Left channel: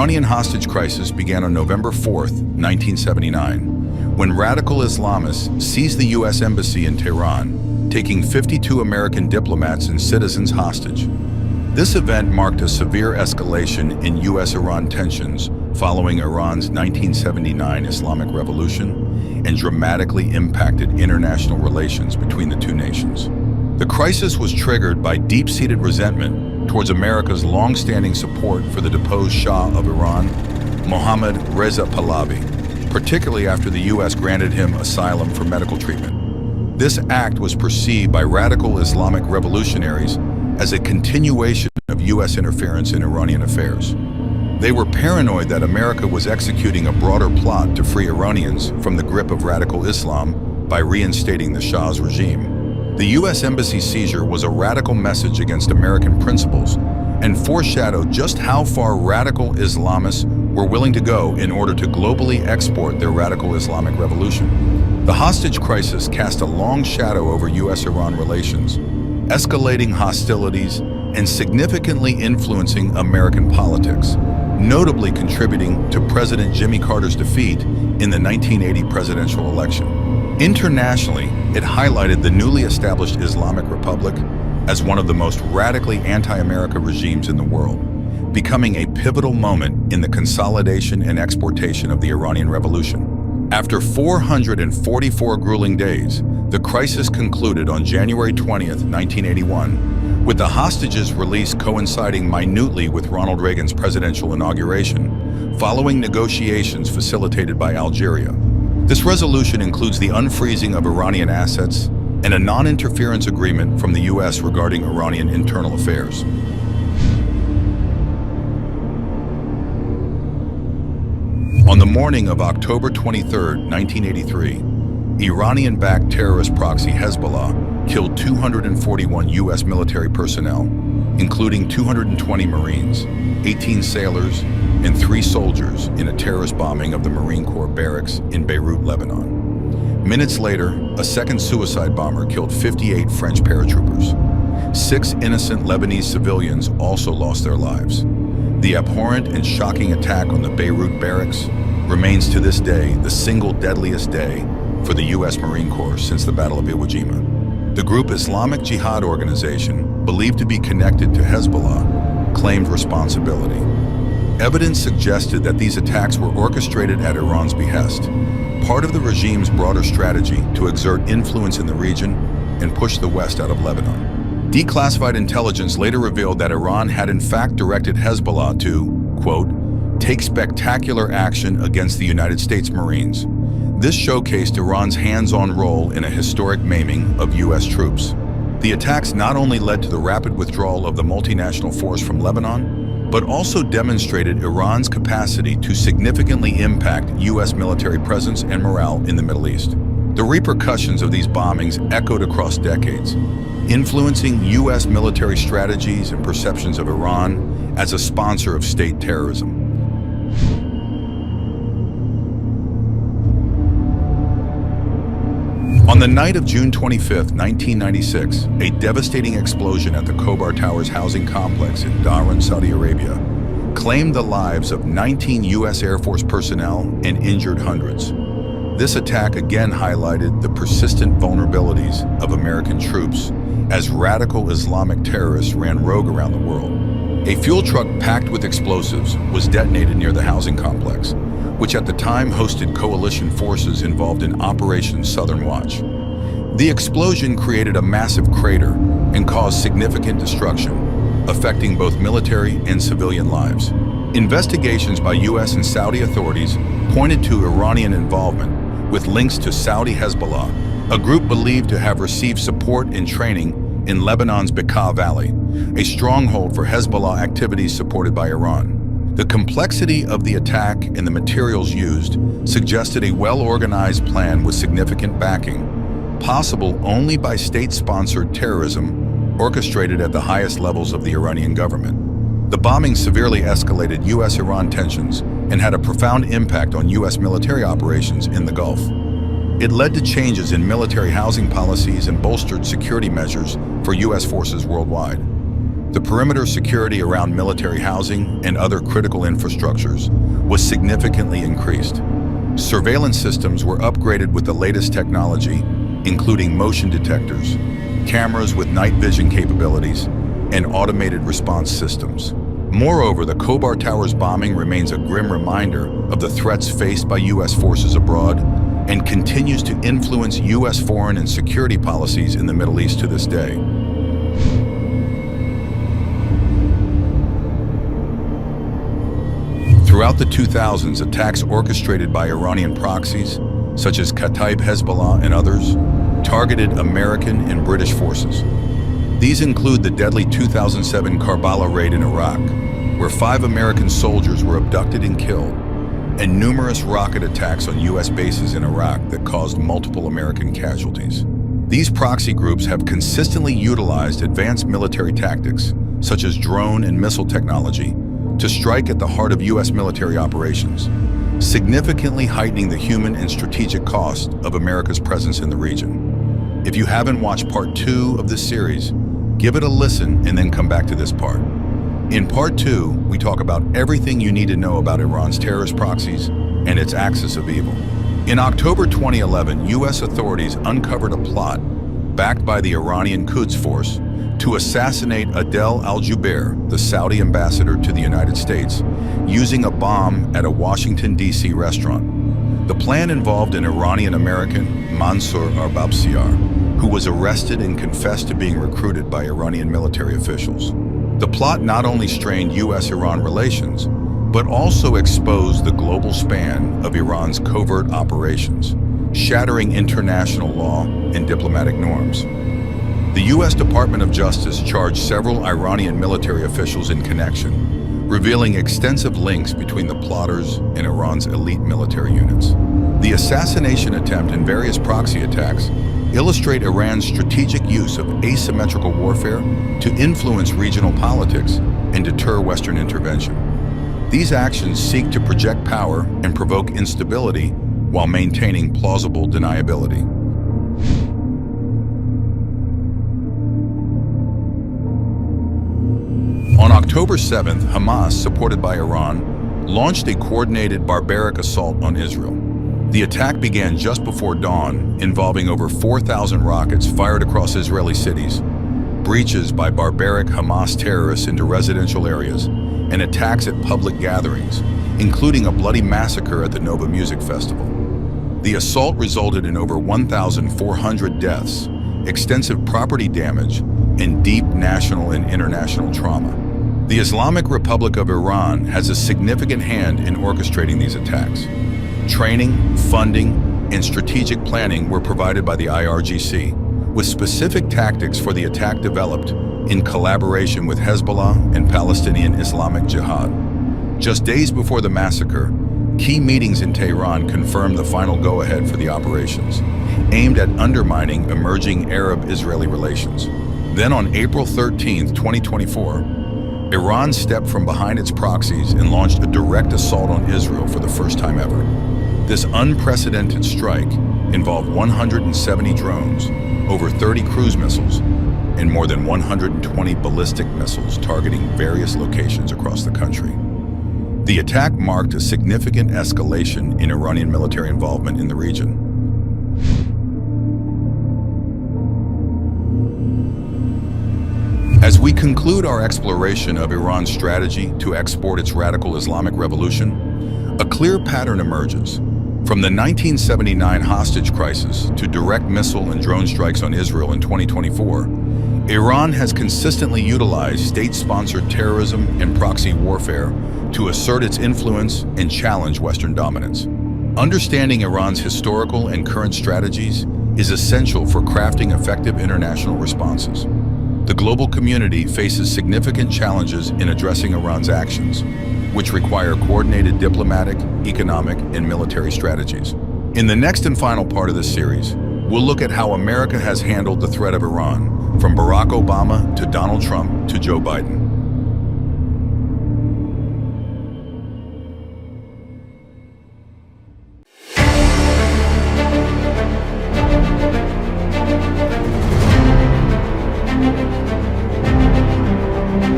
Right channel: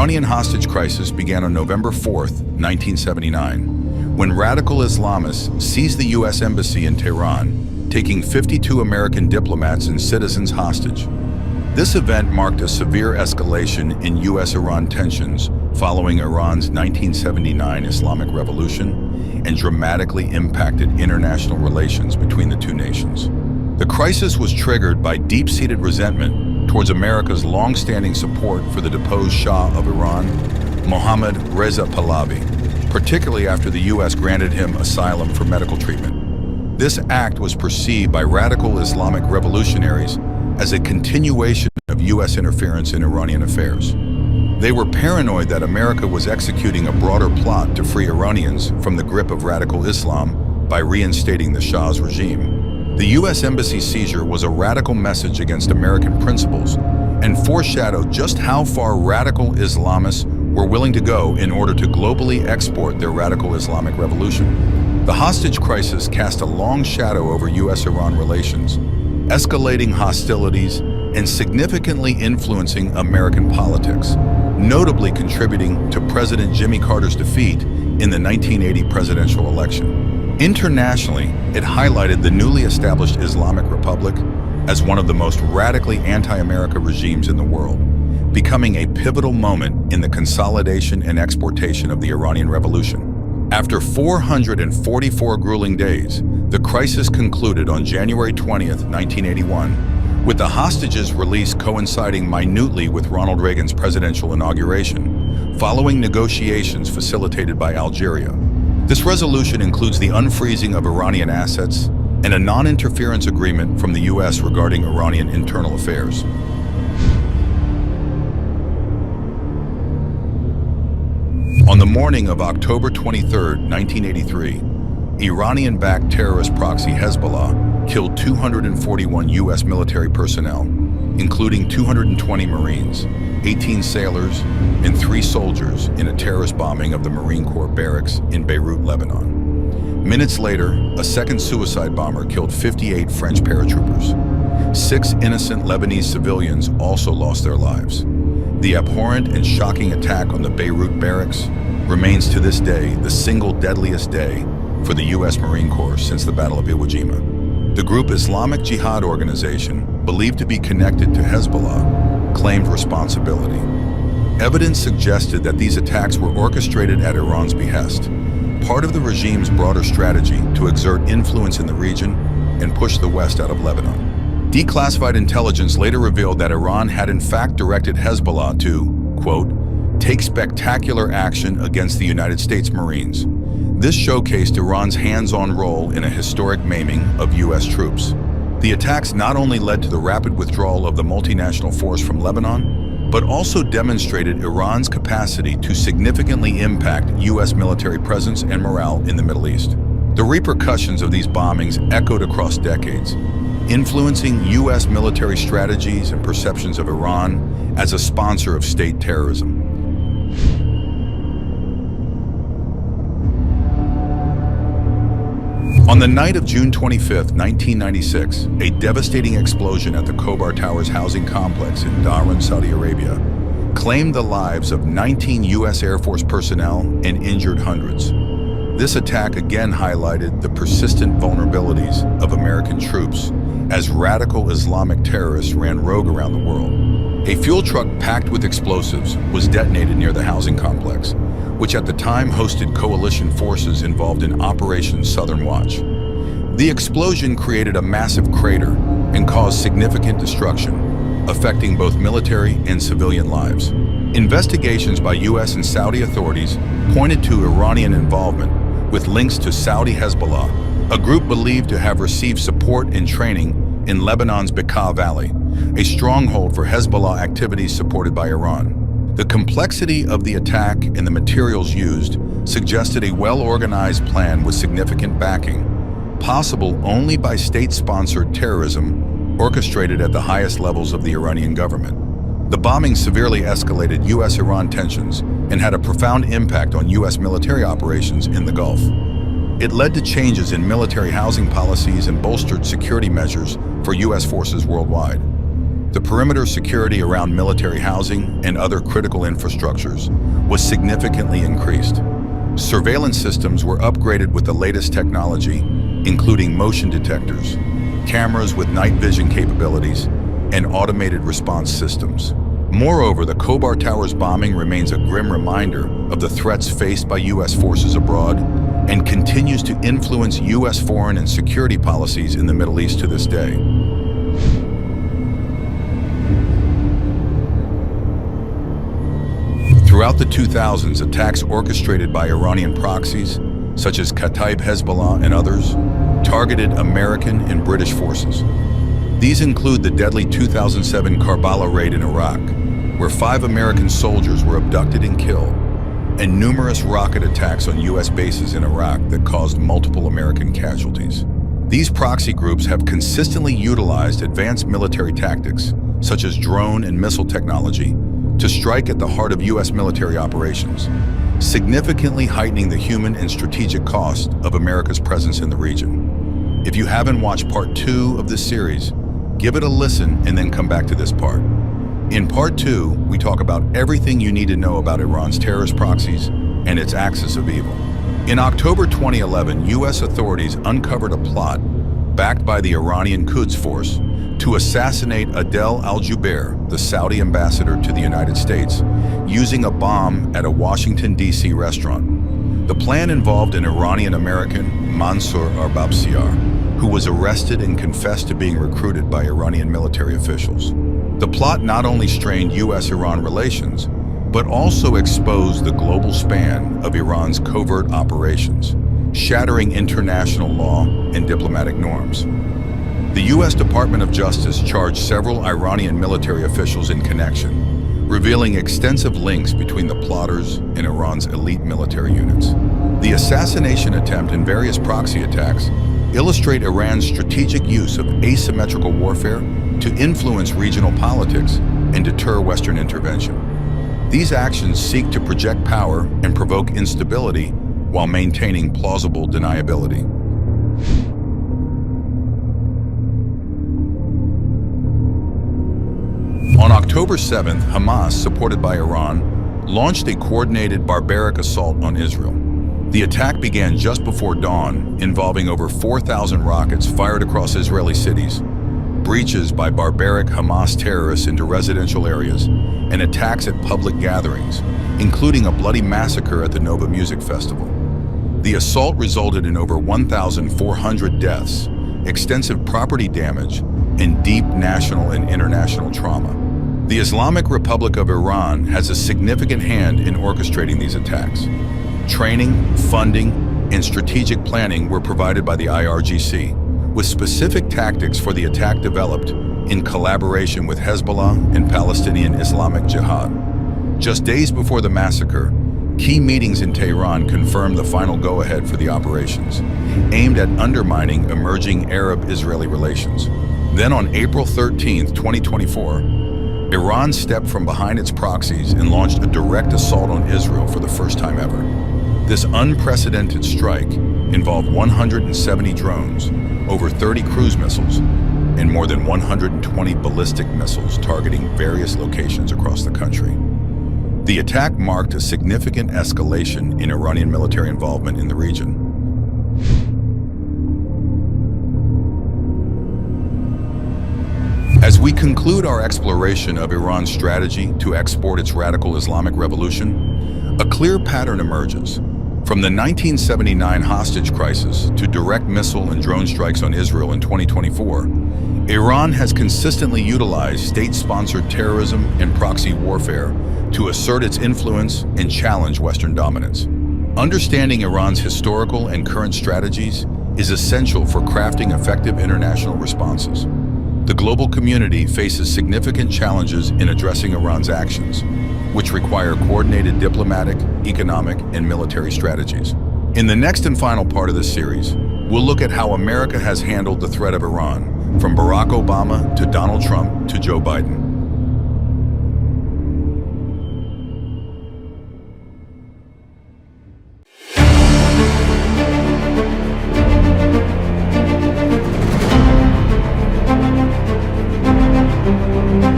Iranian hostage crisis began on November 4, 1979, when radical Islamists seized the U.S. Embassy in Tehran, taking 52 American diplomats and citizens hostage. This event marked a severe escalation in U.S.-Iran tensions following Iran's 1979 Islamic Revolution and dramatically impacted international relations between the two nations. The crisis was triggered by deep-seated resentment towards America's long-standing support for the deposed Shah of Iran, Mohammad Reza Pahlavi, particularly after the U.S. granted him asylum for medical treatment. This act was perceived by radical Islamic revolutionaries as a continuation of U.S. interference in Iranian affairs. They were paranoid that America was executing a broader plot to free Iranians from the grip of radical Islam by reinstating the Shah's regime. The U.S. Embassy seizure was a radical message against American principles and foreshadowed just how far radical Islamists were willing to go in order to globally export their radical Islamic revolution. The hostage crisis cast a long shadow over U.S.-Iran relations, escalating hostilities and significantly influencing American politics, notably contributing to President Jimmy Carter's defeat in the 1980 presidential election. Internationally, it highlighted the newly established Islamic Republic as one of the most radically anti-America regimes in the world, becoming a pivotal moment in the consolidation and exportation of the Iranian Revolution. After 444 grueling days, the crisis concluded on January 20, 1981, with the hostages' release coinciding minutely with Ronald Reagan's presidential inauguration, following negotiations facilitated by Algeria. This resolution includes the unfreezing of Iranian assets and a non-interference agreement from the U.S. regarding Iranian internal affairs. On the morning of October 23, 1983, Iranian-backed terrorist proxy Hezbollah killed 241 U.S. military personnel, including 220 Marines, 18 sailors, and 3 soldiers in a terrorist bombing of the Marine Corps barracks in Beirut, Lebanon. Minutes later, a second suicide bomber killed 58 French paratroopers. 6 innocent Lebanese civilians also lost their lives. The abhorrent and shocking attack on the Beirut barracks remains to this day the single deadliest day for the U.S. Marine Corps since the Battle of Iwo Jima. The group Islamic Jihad organization, believed to be connected to Hezbollah, claimed responsibility. Evidence suggested that these attacks were orchestrated at Iran's behest, part of the regime's broader strategy to exert influence in the region and push the West out of Lebanon. Declassified intelligence later revealed that Iran had in fact directed Hezbollah to, quote, take spectacular action against the United States Marines. This showcased Iran's hands-on role in a historic maiming of U.S. troops. The attacks not only led to the rapid withdrawal of the multinational force from Lebanon, but also demonstrated Iran's capacity to significantly impact U.S. military presence and morale in the Middle East. The repercussions of these bombings echoed across decades, influencing U.S. military strategies and perceptions of Iran as a sponsor of state terrorism. On the night of June 25, 1996, a devastating explosion at the Khobar Towers housing complex in Dhahran, Saudi Arabia, claimed the lives of 19 U.S. Air Force personnel and injured hundreds. This attack again highlighted the persistent vulnerabilities of American troops as radical Islamic terrorists ran rogue around the world. A fuel truck packed with explosives was detonated near the housing complex, which at the time hosted coalition forces involved in Operation Southern Watch. The explosion created a massive crater and caused significant destruction, affecting both military and civilian lives. Investigations by U.S. and Saudi authorities pointed to Iranian involvement with links to Saudi Hezbollah, a group believed to have received support and training in Lebanon's Bekaa Valley, a stronghold for Hezbollah activities supported by Iran. The complexity of the attack and the materials used suggested a well-organized plan with significant backing, possible only by state-sponsored terrorism orchestrated at the highest levels of the Iranian government. The bombing severely escalated U.S.-Iran tensions and had a profound impact on U.S. military operations in the Gulf. It led to changes in military housing policies and bolstered security measures for U.S. forces worldwide. The perimeter security around military housing and other critical infrastructures was significantly increased. Surveillance systems were upgraded with the latest technology, including motion detectors, cameras with night vision capabilities, and automated response systems. Moreover, the Khobar Towers bombing remains a grim reminder of the threats faced by U.S. forces abroad and continues to influence U.S. foreign and security policies in the Middle East to this day. Throughout the 2000s, attacks orchestrated by Iranian proxies, such as Kataib Hezbollah and others, targeted American and British forces. These include the deadly 2007 Karbala raid in Iraq, where 5 American soldiers were abducted and killed, and numerous rocket attacks on U.S. bases in Iraq that caused multiple American casualties. These proxy groups have consistently utilized advanced military tactics, such as drone and missile technology, to strike at the heart of U.S. military operations, significantly heightening the human and strategic cost of America's presence in the region. If you haven't watched part 2 of this series, give it a listen and then come back to this part. In part 2, we talk about everything you need to know about Iran's terrorist proxies and its axis of evil. In October 2011, U.S. authorities uncovered a plot backed by the Iranian Quds Force to assassinate Adel al-Jubeir, the Saudi ambassador to the United States, using a bomb at a Washington, D.C. restaurant. The plan involved an Iranian-American, Mansour Arbabsiar, who was arrested and confessed to being recruited by Iranian military officials. The plot not only strained U.S.-Iran relations, but also exposed the global span of Iran's covert operations, shattering international law and diplomatic norms. The U.S. Department of Justice charged several Iranian military officials in connection, revealing extensive links between the plotters and Iran's elite military units. The assassination attempt and various proxy attacks illustrate Iran's strategic use of asymmetrical warfare to influence regional politics and deter Western intervention. These actions seek to project power and provoke instability while maintaining plausible deniability. On October 7th, Hamas, supported by Iran, launched a coordinated barbaric assault on Israel. The attack began just before dawn, involving over 4,000 rockets fired across Israeli cities, breaches by barbaric Hamas terrorists into residential areas, and attacks at public gatherings, including a bloody massacre at the Nova Music Festival. The assault resulted in over 1,400 deaths, extensive property damage, and deep national and international trauma. The Islamic Republic of Iran has a significant hand in orchestrating these attacks. Training, funding, and strategic planning were provided by the IRGC, with specific tactics for the attack developed in collaboration with Hezbollah and Palestinian Islamic Jihad. Just days before the massacre, key meetings in Tehran confirmed the final go-ahead for the operations, aimed at undermining emerging Arab-Israeli relations. Then on April 13, 2024, Iran stepped from behind its proxies and launched a direct assault on Israel for the first time ever. This unprecedented strike involved 170 drones, over 30 cruise missiles, and more than 120 ballistic missiles targeting various locations across the country. The attack marked a significant escalation in Iranian military involvement in the region. As we conclude our exploration of Iran's strategy to export its radical Islamic revolution, a clear pattern emerges. From the 1979 hostage crisis to direct missile and drone strikes on Israel in 2024, Iran has consistently utilized state-sponsored terrorism and proxy warfare to assert its influence and challenge Western dominance. Understanding Iran's historical and current strategies is essential for crafting effective international responses. The global community faces significant challenges in addressing Iran's actions, which require coordinated diplomatic, economic, and military strategies. In the next and final part of this series, we'll look at how America has handled the threat of Iran, from Barack Obama to Donald Trump to Joe Biden.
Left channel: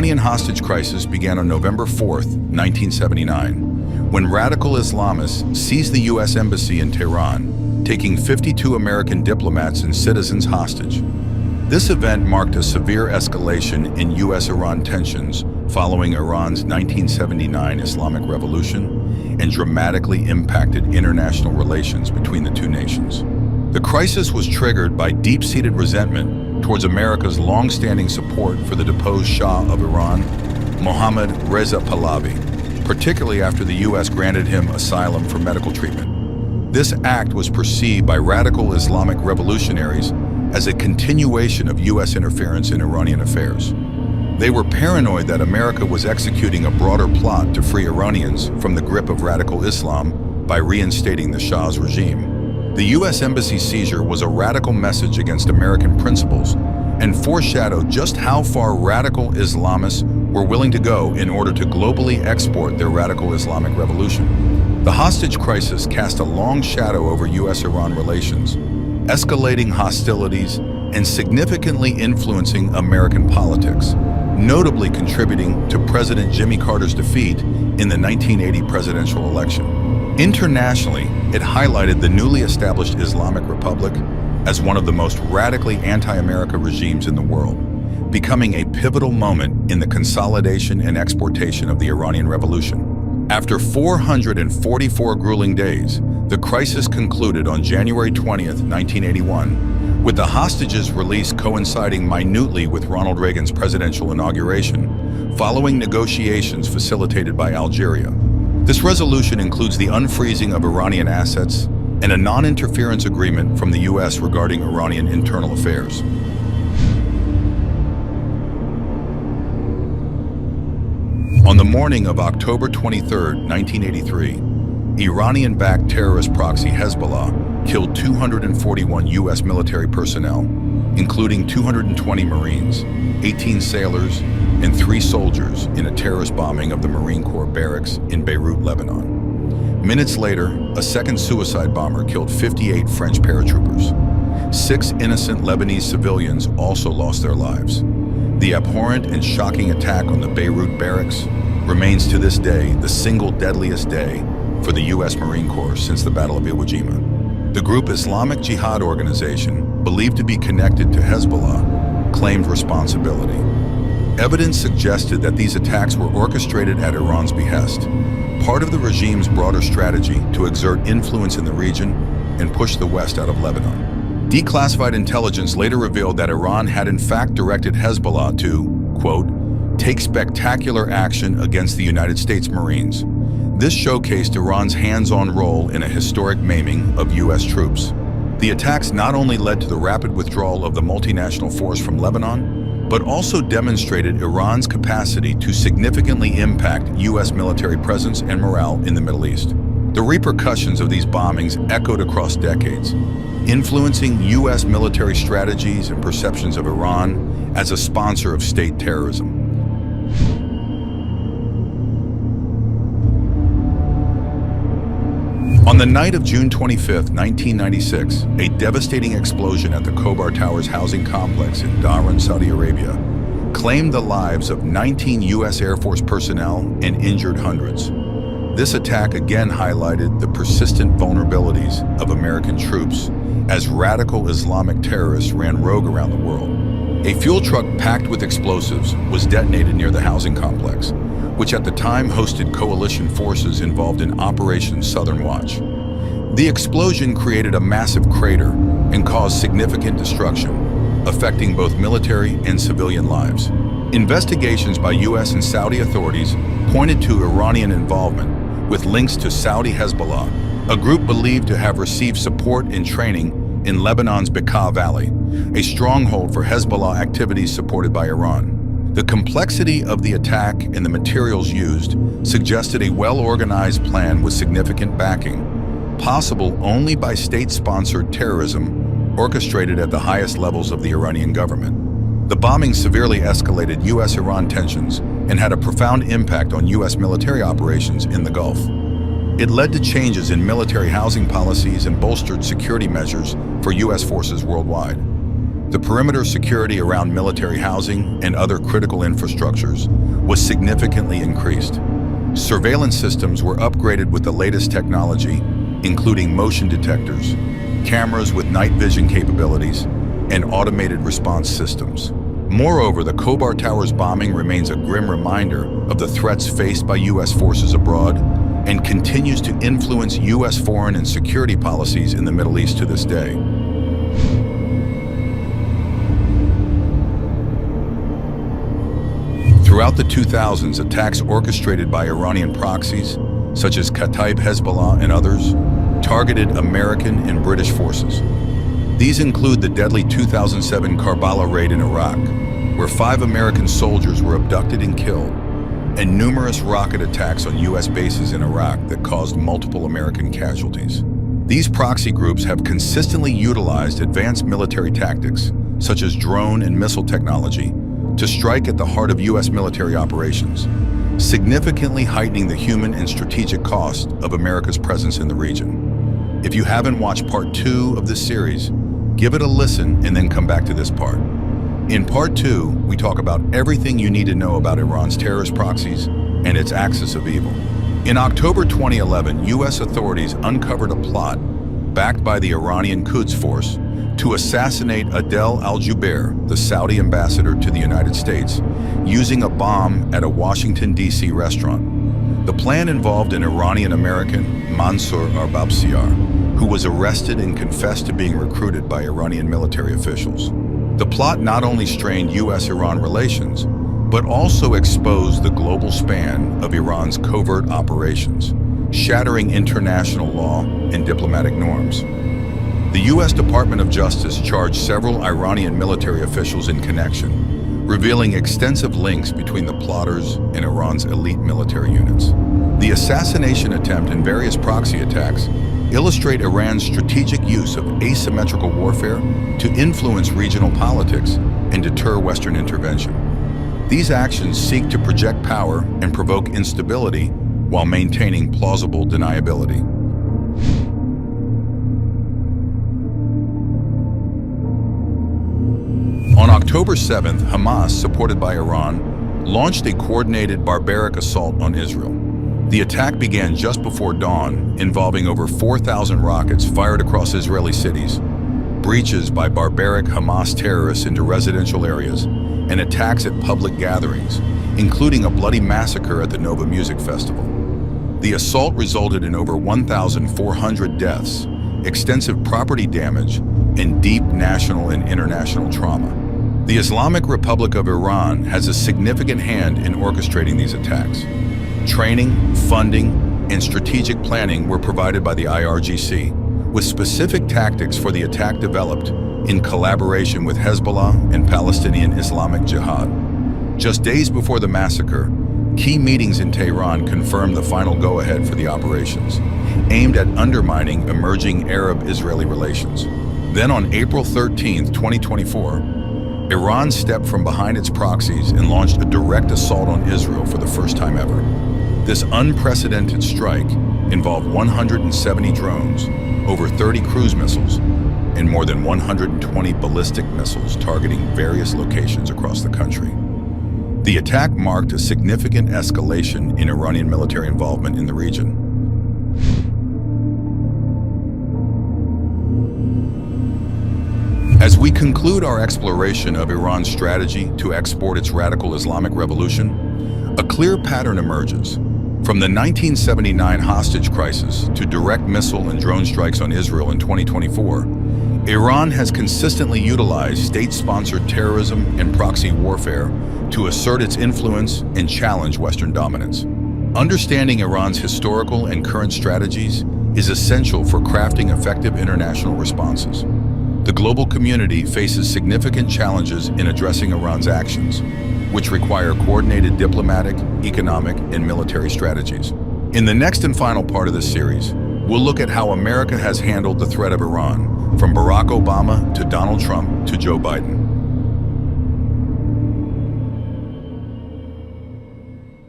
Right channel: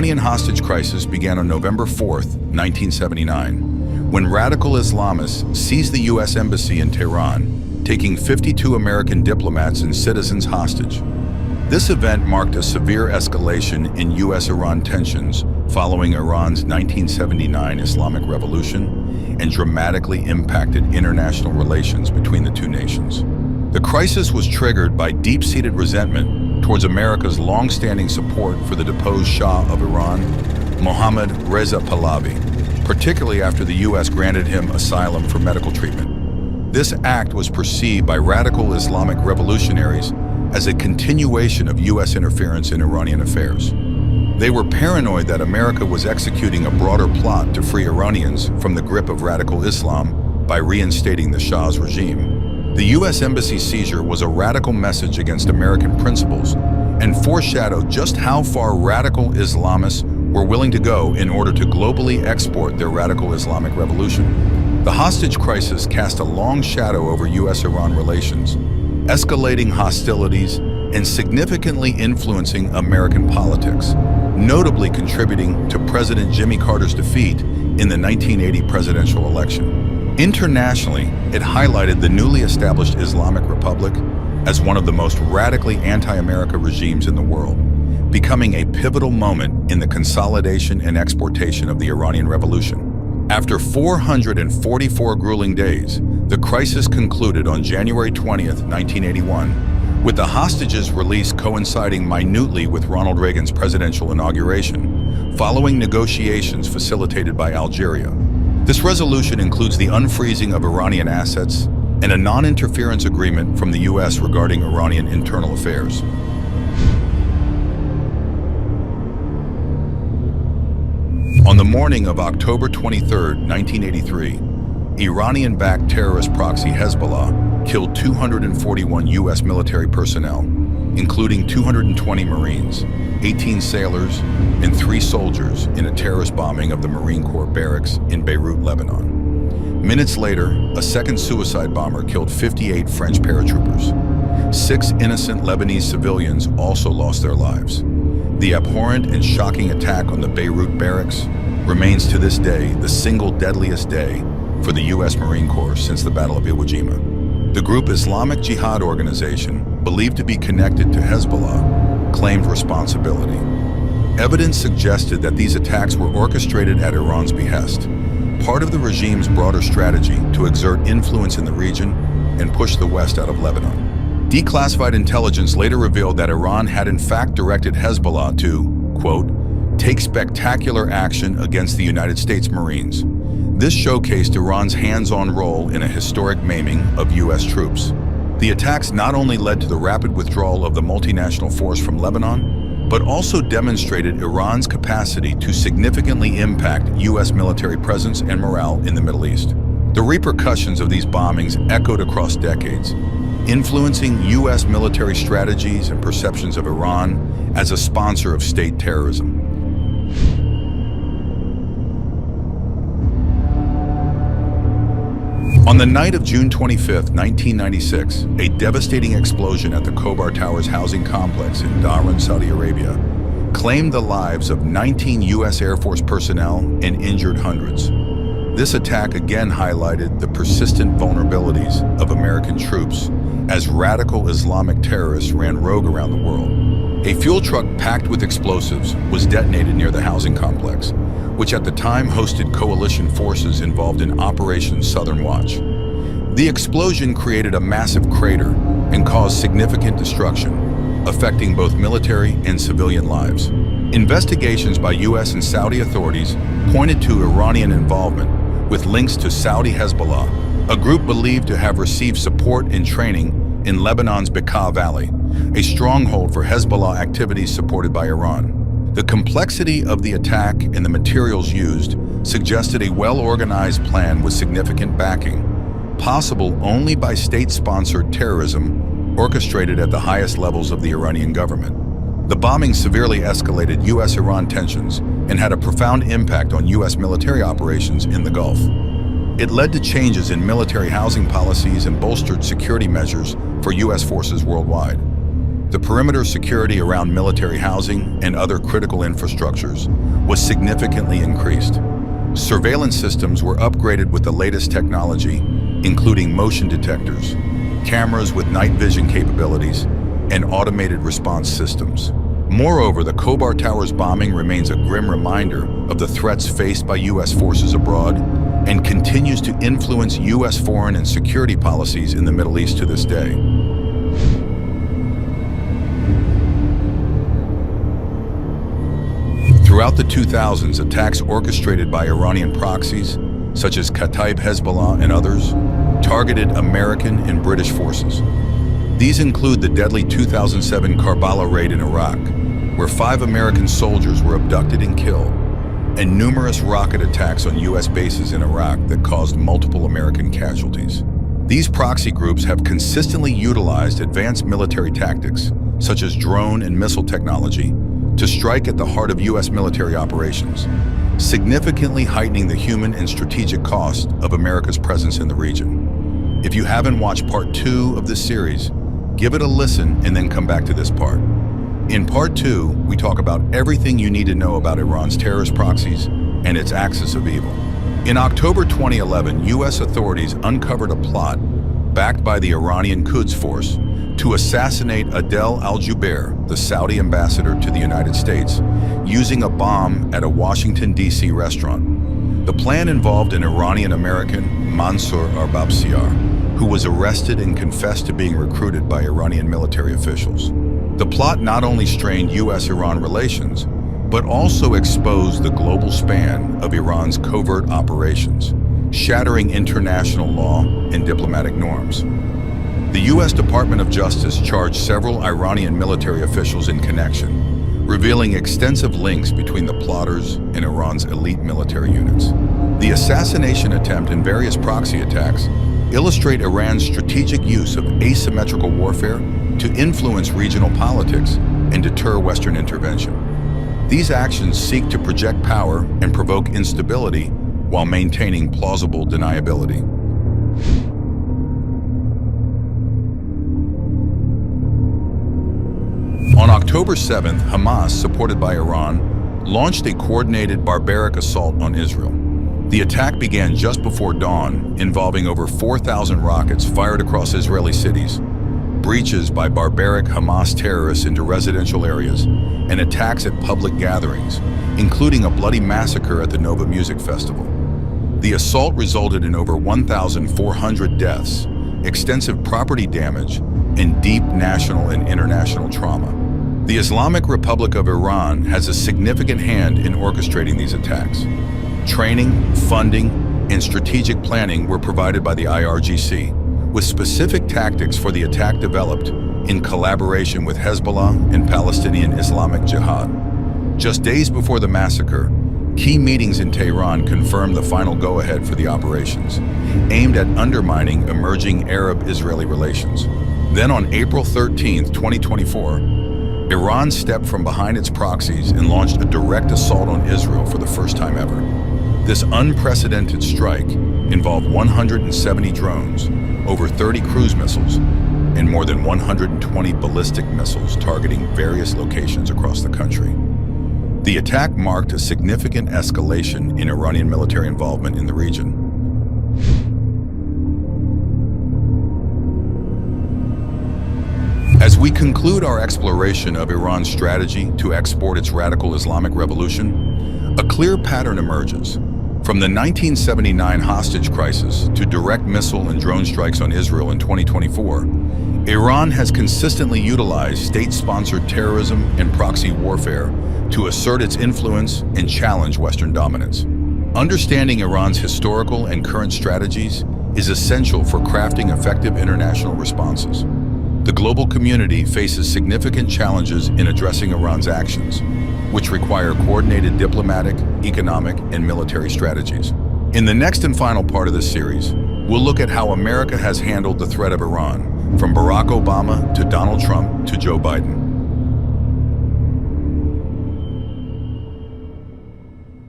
Iranian hostage crisis began on November 4th, 1979, when radical Islamists seized the U.S. Embassy in Tehran, taking 52 American diplomats and citizens hostage. This event marked a severe escalation in U.S.-Iran tensions following Iran's 1979 Islamic Revolution and dramatically impacted international relations between the two nations. The crisis was triggered by deep-seated resentment towards America's long-standing support for the deposed Shah of Iran, Mohammad Reza Pahlavi, particularly after the U.S. granted him asylum for medical treatment. This act was perceived by radical Islamic revolutionaries as a continuation of U.S. interference in Iranian affairs. They were paranoid that America was executing a broader plot to free Iranians from the grip of radical Islam by reinstating the Shah's regime. The U.S. Embassy seizure was a radical message against American principles and foreshadowed just how far radical Islamists were willing to go in order to globally export their radical Islamic revolution. The hostage crisis cast a long shadow over U.S.-Iran relations, escalating hostilities and significantly influencing American politics, notably contributing to President Jimmy Carter's defeat in the 1980 presidential election. Internationally, it highlighted the newly established Islamic Republic as one of the most radically anti-America regimes in the world, becoming a pivotal moment in the consolidation and exportation of the Iranian Revolution. After 444 grueling days, the crisis concluded on January 20th, 1981, with the hostages' release coinciding minutely with Ronald Reagan's presidential inauguration, following negotiations facilitated by Algeria. This resolution includes the unfreezing of Iranian assets and a non-interference agreement from the U.S. regarding Iranian internal affairs. On the morning of October 23, 1983, Iranian-backed terrorist proxy Hezbollah killed 241 U.S. military personnel, including 220 Marines, 18 sailors, and 3 soldiers in a terrorist bombing of the Marine Corps barracks in Beirut, Lebanon. Minutes later, a second suicide bomber killed 58 French paratroopers. 6 innocent Lebanese civilians also lost their lives. The abhorrent and shocking attack on the Beirut barracks remains to this day the single deadliest day for the U.S. Marine Corps since the Battle of Iwo Jima. The group Islamic Jihad organization, believed to be connected to Hezbollah, claimed responsibility. Evidence suggested that these attacks were orchestrated at Iran's behest, part of the regime's broader strategy to exert influence in the region and push the West out of Lebanon. Declassified intelligence later revealed that Iran had in fact directed Hezbollah to, quote, take spectacular action against the United States Marines. This showcased Iran's hands-on role in a historic maiming of U.S. troops. The attacks not only led to the rapid withdrawal of the multinational force from Lebanon, but also demonstrated Iran's capacity to significantly impact U.S. military presence and morale in the Middle East. The repercussions of these bombings echoed across decades, influencing U.S. military strategies and perceptions of Iran as a sponsor of state terrorism. On the night of June 25, 1996, a devastating explosion at the Khobar Towers housing complex in Dhahran, Saudi Arabia, claimed the lives of 19 U.S. Air Force personnel and injured hundreds. This attack again highlighted the persistent vulnerabilities of American troops as radical Islamic terrorists ran rogue around the world. A fuel truck packed with explosives was detonated near the housing complex, which at the time hosted coalition forces involved in Operation Southern Watch. The explosion created a massive crater and caused significant destruction, affecting both military and civilian lives. Investigations by U.S. and Saudi authorities pointed to Iranian involvement with links to Saudi Hezbollah, a group believed to have received support and training in Lebanon's Bekaa Valley, a stronghold for Hezbollah activities supported by Iran. The complexity of the attack and the materials used suggested a well-organized plan with significant backing, possible only by state-sponsored terrorism orchestrated at the highest levels of the Iranian government. The bombing severely escalated U.S.-Iran tensions and had a profound impact on U.S. military operations in the Gulf. It led to changes in military housing policies and bolstered security measures for U.S. forces worldwide. The perimeter security around military housing and other critical infrastructures was significantly increased. Surveillance systems were upgraded with the latest technology, including motion detectors, cameras with night vision capabilities, and automated response systems. Moreover, the Khobar Towers bombing remains a grim reminder of the threats faced by U.S. forces abroad and continues to influence U.S. foreign and security policies in the Middle East to this day. Throughout the 2000s, attacks orchestrated by Iranian proxies, such as Kataib Hezbollah and others, targeted American and British forces. These include the deadly 2007 Karbala raid in Iraq, where 5 American soldiers were abducted and killed, and numerous rocket attacks on U.S. bases in Iraq that caused multiple American casualties. These proxy groups have consistently utilized advanced military tactics, such as drone and missile technology, to strike at the heart of U.S. military operations, significantly heightening the human and strategic cost of America's presence in the region. If you haven't watched part 2 of this series, give it a listen and then come back to this part. In part 2, we talk about everything you need to know about Iran's terrorist proxies and its axis of evil. In October 2011, U.S. authorities uncovered a plot backed by the Iranian Quds Force to assassinate Adel al-Jubeir, the Saudi ambassador to the United States, using a bomb at a Washington, D.C. restaurant. The plan involved an Iranian-American, Mansour Arbabsiar, who was arrested and confessed to being recruited by Iranian military officials. The plot not only strained U.S.-Iran relations, but also exposed the global span of Iran's covert operations, shattering international law and diplomatic norms. The U.S. Department of Justice charged several Iranian military officials in connection, revealing extensive links between the plotters and Iran's elite military units. The assassination attempt and various proxy attacks illustrate Iran's strategic use of asymmetrical warfare to influence regional politics and deter Western intervention. These actions seek to project power and provoke instability while maintaining plausible deniability. On October 7th, Hamas, supported by Iran, launched a coordinated barbaric assault on Israel. The attack began just before dawn, involving over 4,000 rockets fired across Israeli cities, breaches by barbaric Hamas terrorists into residential areas, and attacks at public gatherings, including a bloody massacre at the Nova Music Festival. The assault resulted in over 1,400 deaths, extensive property damage, and deep national and international trauma. The Islamic Republic of Iran has a significant hand in orchestrating these attacks. Training, funding, and strategic planning were provided by the IRGC, with specific tactics for the attack developed in collaboration with Hezbollah and Palestinian Islamic Jihad. Just days before the massacre, key meetings in Tehran confirmed the final go-ahead for the operations, aimed at undermining emerging Arab-Israeli relations. Then on April 13, 2024, Iran stepped from behind its proxies and launched a direct assault on Israel for the first time ever. This unprecedented strike involved 170 drones, over 30 cruise missiles, and more than 120 ballistic missiles targeting various locations across the country. The attack marked a significant escalation in Iranian military involvement in the region. As we conclude our exploration of Iran's strategy to export its radical Islamic revolution, a clear pattern emerges. From the 1979 hostage crisis to direct missile and drone strikes on Israel in 2024, Iran has consistently utilized state-sponsored terrorism and proxy warfare to assert its influence and challenge Western dominance. Understanding Iran's historical and current strategies is essential for crafting effective international responses. The global community faces significant challenges in addressing Iran's actions, which require coordinated diplomatic, economic, and military strategies. In the next and final part of this series, we'll look at how America has handled the threat of Iran, from Barack Obama to Donald Trump to Joe Biden.